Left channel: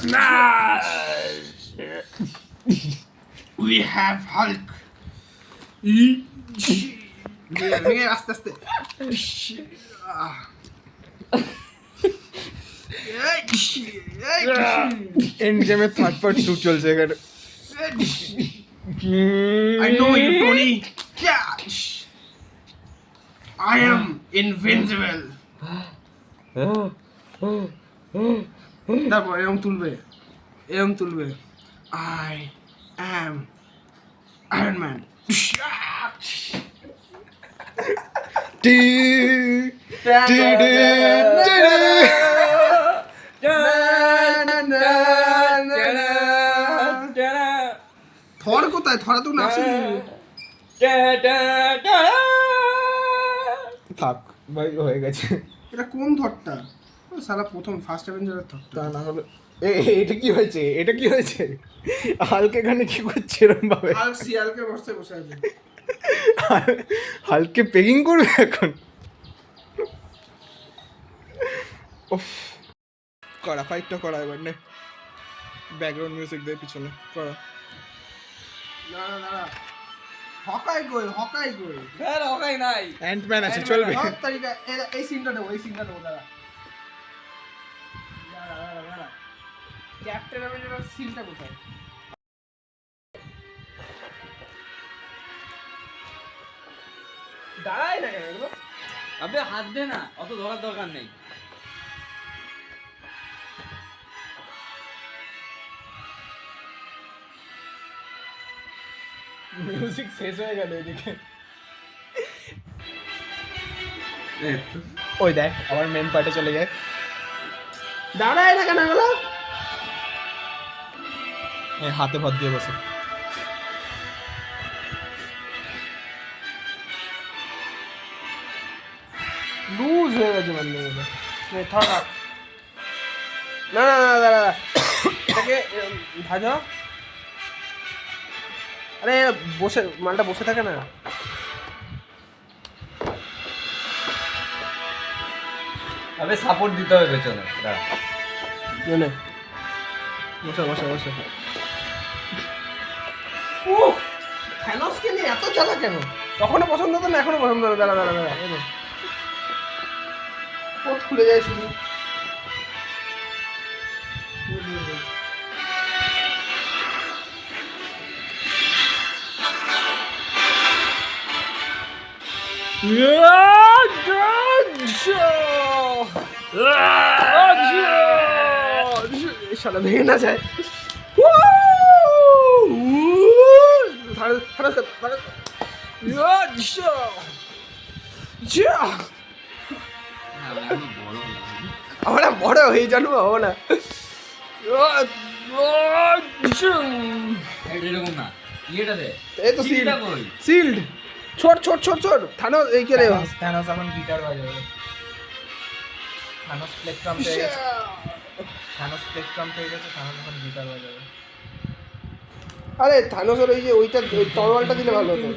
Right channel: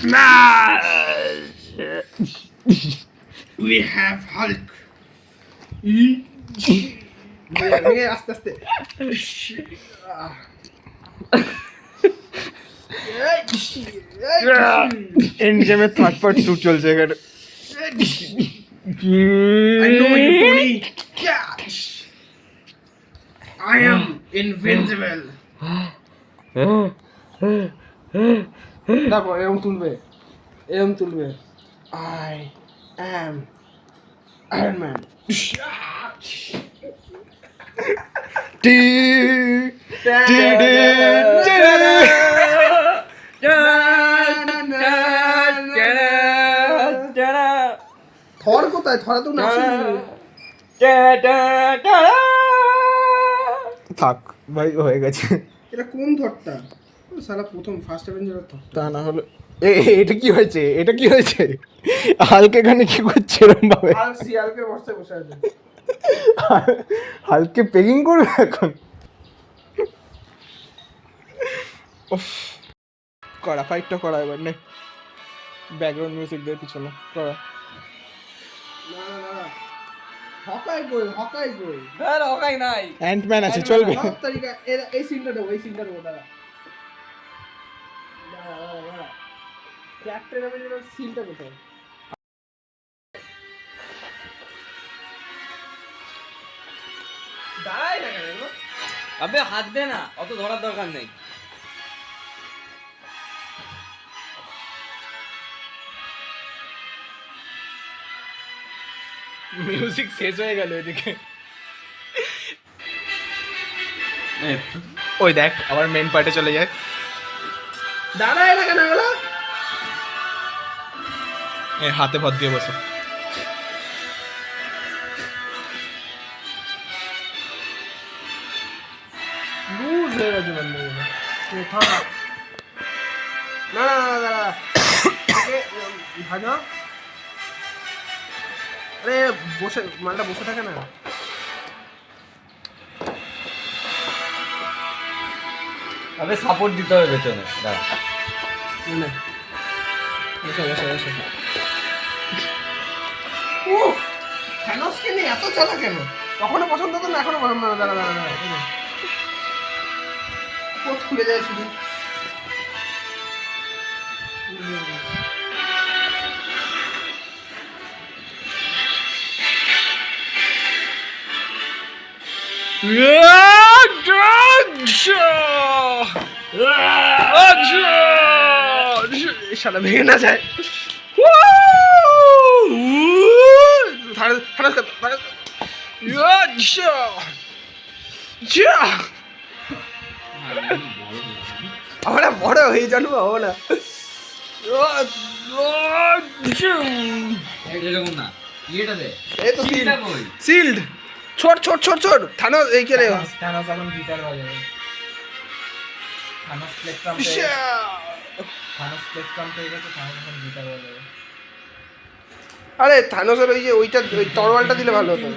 Smash! We have Hulk. ভেঙে আস্তে আস্তে এন্ড গেমের থার্ড পার্ট 2 চলছে এখানে। I know you, Tony. I am invincible. তারপর এরকম তুলবে I am Iron Man. টি টি থর কোথায়? থরা তো না আসেনি। থাক ভাই, হয়ে গেছে। এটা কোন থরটা? ও শালা প্রথম ফার্স্ট অ্যাভেঞ্জারের থরটা। তা না হলে এটা কি হয়েছে? এটা কি হয়েছে? হালকা এখানে কি করছে এরকম ভাবে? আর সিয়ালকে বসে বসে আছে। হালকে পেগিং করবে এখন। উফ, করা ফাইটটা করা এবার নে। ব্যাকগ্রাউন্ড মিউজিক দিয়ে পিছনে করা। না না হকাই গোল স্যার হকাই নাই। অ্যান্টম্যান আছে, চলবে। তারিকা এই সিনটা দেবো দাঁড়া। ক্যাপ্টেন আমেরিকার সিলটা কোথায়? দাঁড়াই না কেন? আবে হাত দে না, অত ধরার দরকার নেই। মিউজিক শেষ হয়ে গেল এদিকে। ওই দেখ আবার মেন পার্টে চলে যায়। দাঁড়াই না কেন গেল? হাতে ভর দিয়ে বসো। লুজ হয়ে গেছে বললে। না ভাজা। আরে বসে মালটা বসে থাকে না। আবে সাপোর্ট দিতে হবে পেছনে। দাঁড়া বসে ও থ্যানোসকে নিয়ে এত চালা কেন? কখনো পছন্দ হতো না, এখনো পছন্দ হবে। দাঁড়া কোট খুলে যায় শুধু। শালা ভেঙে না যায়। আমরা বড় হয়ে জানবো না। এরকম না, ইয়েটা দে। এই তো সিলটা কই? শিল্ড ছোট থানোস এই কে রে? থানোস এখন গিটার বাজাবে। থানোস প্লেট্রাম পেয়ে গেছে। থানোস এখন গিটার বাজাবে। আরে থানোসের ওই যে ওই তরোয়ালটা দিলে ভালো হতো।